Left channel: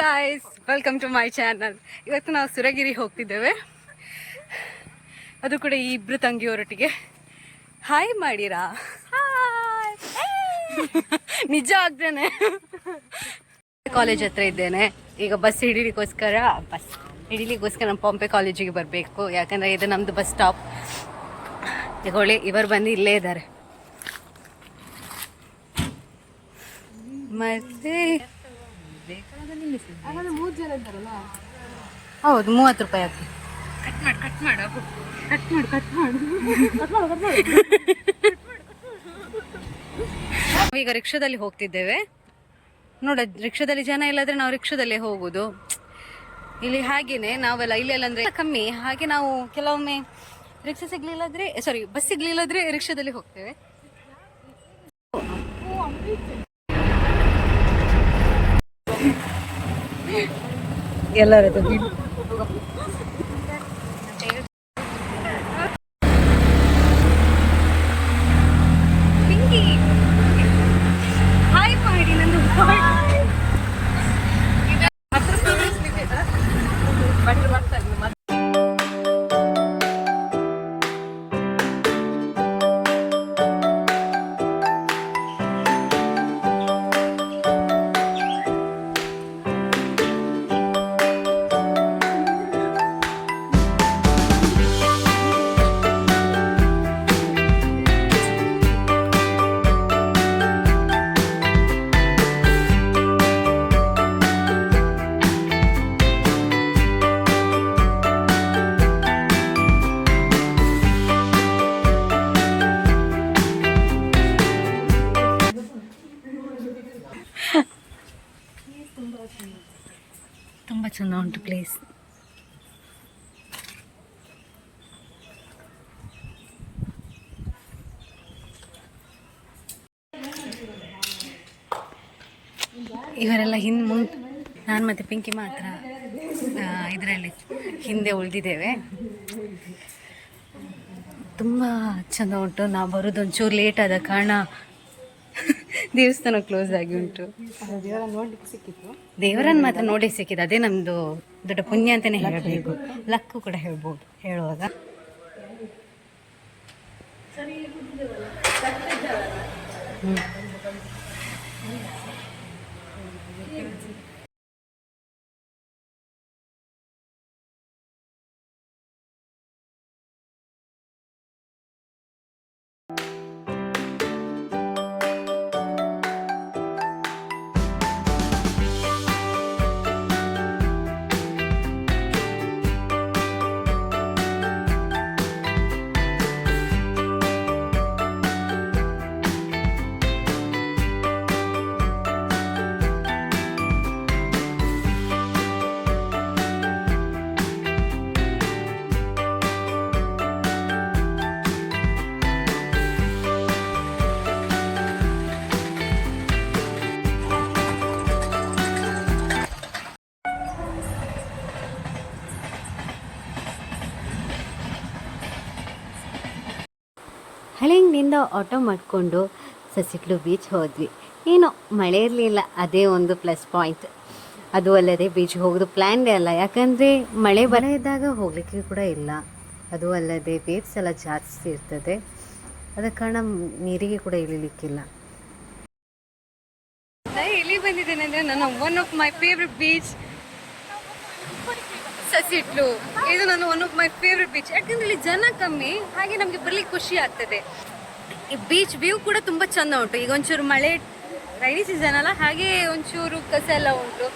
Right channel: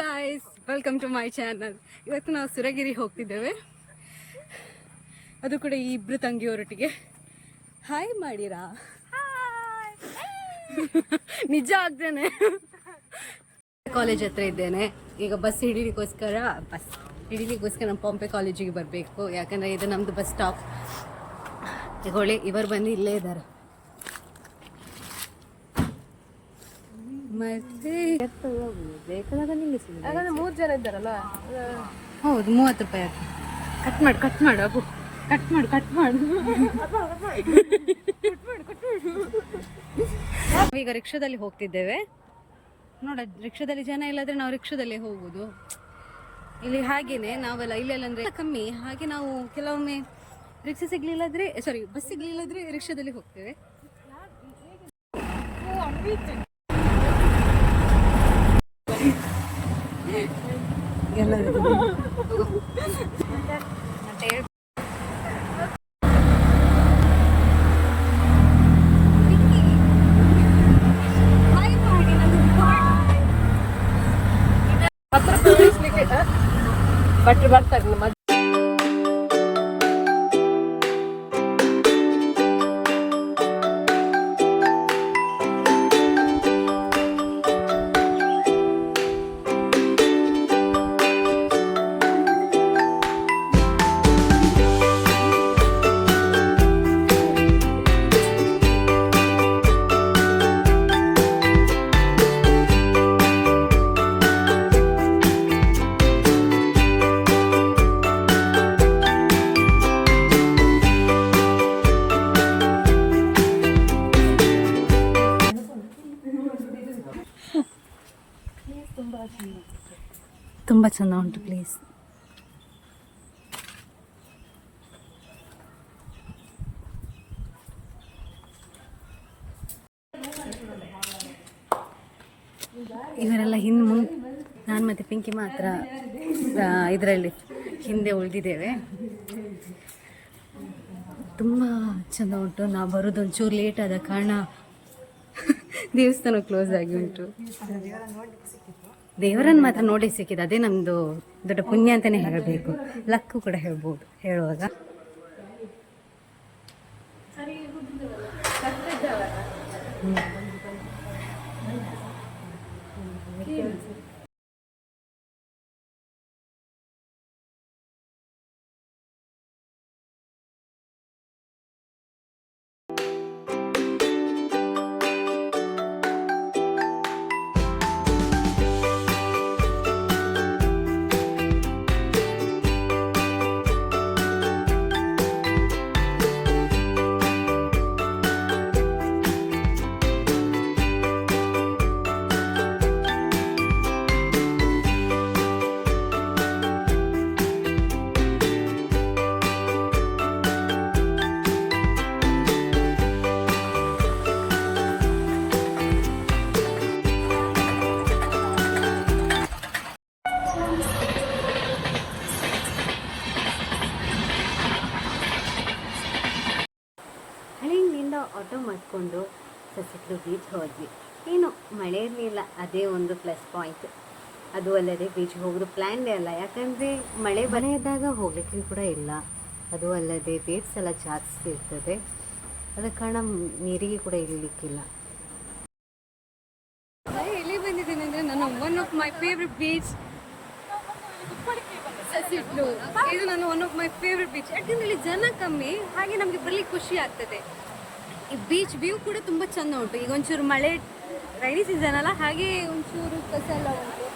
Guys, welcome to my channel. ಇವತ್ತು ನಾವು ಸುರಗಿರಿ ಹೋಗ್ತಿದ್ದೇವೆ, ಅದು ಕೂಡ ಈ ಇಬ್ರು ತಂಗಿಯವರೊಟ್ಟಿಗೆ. ಹಾಯ್ ಮಾಡಿರಾ? ನಿಜ ಆಗ್ತೇನೆ. ಕಾಲೇಜ್ ಹತ್ರ ಇದ್ದೇನೆ ಈಗ. ಬಸ್ ಹಿಡಿಲಿಕ್ಕೋಸ್ಕರ ನಮ್ಮ ಪಂಪೆ ಕಾಲೇಜಿಗೆ ಬರಬೇಕು, ಯಾಕಂದರೆ ಇದು ನಮ್ಮದು ಬಸ್ ಸ್ಟಾಪ್. ತಗೊಳ್ಳಿ, ಇವರು ಬಂದು ಇಲ್ಲೇ ಇದ್ದಾರೆ. ಮತ್ತೆ 3 ಜನ ಇದ್ದಾರಲ್ಲ. ಹೌದು, 30 ರೂಪಾಯಿ ಆಗ್ತದೆ. ಕಟ್ ಮಾಡು ಅಬ್ಬು, ಕಟ್ ಮಾಡು. ಈಗ ರಿಕ್ಷಾದಲ್ಲಿ ಹೋಗ್ತಿದ್ದೇವೆ. ನೋಡ, ರಿಕ್ಷಾದಲ್ಲಿ ಜನ ಇಲ್ಲದ್ರೆ ನಾವು ರಿಕ್ಷಾದಲ್ಲೇ ಹೋಗುದು. ಇಲ್ಲಿ ಹಾಗೇನೆ ನಾವೆಲ್ಲ ಇಲ್ಲೆಲ್ಲ ಅಂದ್ರೆ ಕಮ್ಮಿ, ಹಾಗೆ ನಾವು ಕೆಲವೊಮ್ಮೆ ಬಸ್ ಸಿಗ್ಲಿಲ್ಲದ್ರೆ ರಿಕ್ಷಾದಲ್ಲಿ ಹೋಗ್ತೇವೆ. ಎಲ್ಲರದ್ದು ತುಂಬ ಚೆಂದ ಉಂಟು ಪ್ಲೇಸ್. ಇವರೆಲ್ಲ ನಾನು ಮತ್ತು ಪಿಂಕಿ ಮಾತ್ರ ಇದರಲ್ಲಿ ಹಿಂದೆ ಉಳಿದಿದ್ದೇವೆ. ತುಂಬ ಚೆಂದ ಉಂಟು. ನಾವು ಬರೋದು ಒಂಚೂರು ಲೇಟ್ ಆದ ಕಾರಣ ದೇವಸ್ಥಾನ ಕ್ಲೋಸ್ ಆಗಿ ಉಂಟು. ದೇವರನ್ನು ಮಾತ್ರ ನೋಡಿ ಸಿಕ್ಕಿದೆ, ಅದೇ ನಮ್ಮದು ದೊಡ್ಡ ಪುಣ್ಯ ಅಂತಲೇ ಹೇಳಬೇಕು. ಲಕ್ಕು ಕೂಡ ಹೇಳ್ಬೋದು ಹೇಳುವಾಗ. ಹಳಿಂಗದಿಂದ ಆಟೋ ಮಾಡಿಕೊಂಡು ಸಸಿಗಳು ಬೀಚ್ ಹೋದ್ವಿ. ಏನೋ ಮಳೆ ಇರಲಿಲ್ಲ, ಅದೇ ಒಂದು ಪ್ಲಸ್ ಪಾಯಿಂಟ್. ಅದು ಅಲ್ಲದೆ ಬೀಚ್ಗೆ ಹೋಗೋದು ಪ್ಲ್ಯಾನ್ಡೇ ಅಲ್ಲ, ಯಾಕಂದರೆ ಮಳೆ ಇದ್ದಾಗ ಹೋಗಲಿಕ್ಕೆ ಕೂಡ ಇಲ್ಲ. ಅದು ಅಲ್ಲದೆ ವೇವ್ಸ್ ಎಲ್ಲ ಜಾಸ್ತಿ ಇರ್ತದೆ, ಅದ ಕಾರಣ ನೀರಿಗೆ ಕೂಡ ಇಳಿಲಿಕ್ಕಿಲ್ಲ. ನಾನು ಎಲ್ಲಿ ಬಂದಿದ್ದೇನೆ ಅಂದರೆ ನನ್ನ one of my favourite beach Sasihithlu. ಇದು ನನ್ನ one of my favourite beach, ಯಾಕಂದರೆ ಇಲ್ಲಿ ಜನ ಕಮ್ಮಿ, ಹಾಗೆ ನಮಗೆ ಬರ್ಲಿಕ್ಕೆ ಖುಷಿ ಆಗ್ತದೆ. ಈ ಬೀಚ್ ವ್ಯೂ ಕೂಡ ತುಂಬ ಚೆಂದ ಉಂಟು. ಈಗ ಒಂಚೂರು ಮಳೆ ರೈನಿ ಸೀಸನ್ ಅಲ್ಲ, ಹಾಗೆ ಒಂಚೂರು ಕಸ ಎಲ್ಲ ಉಂಟು.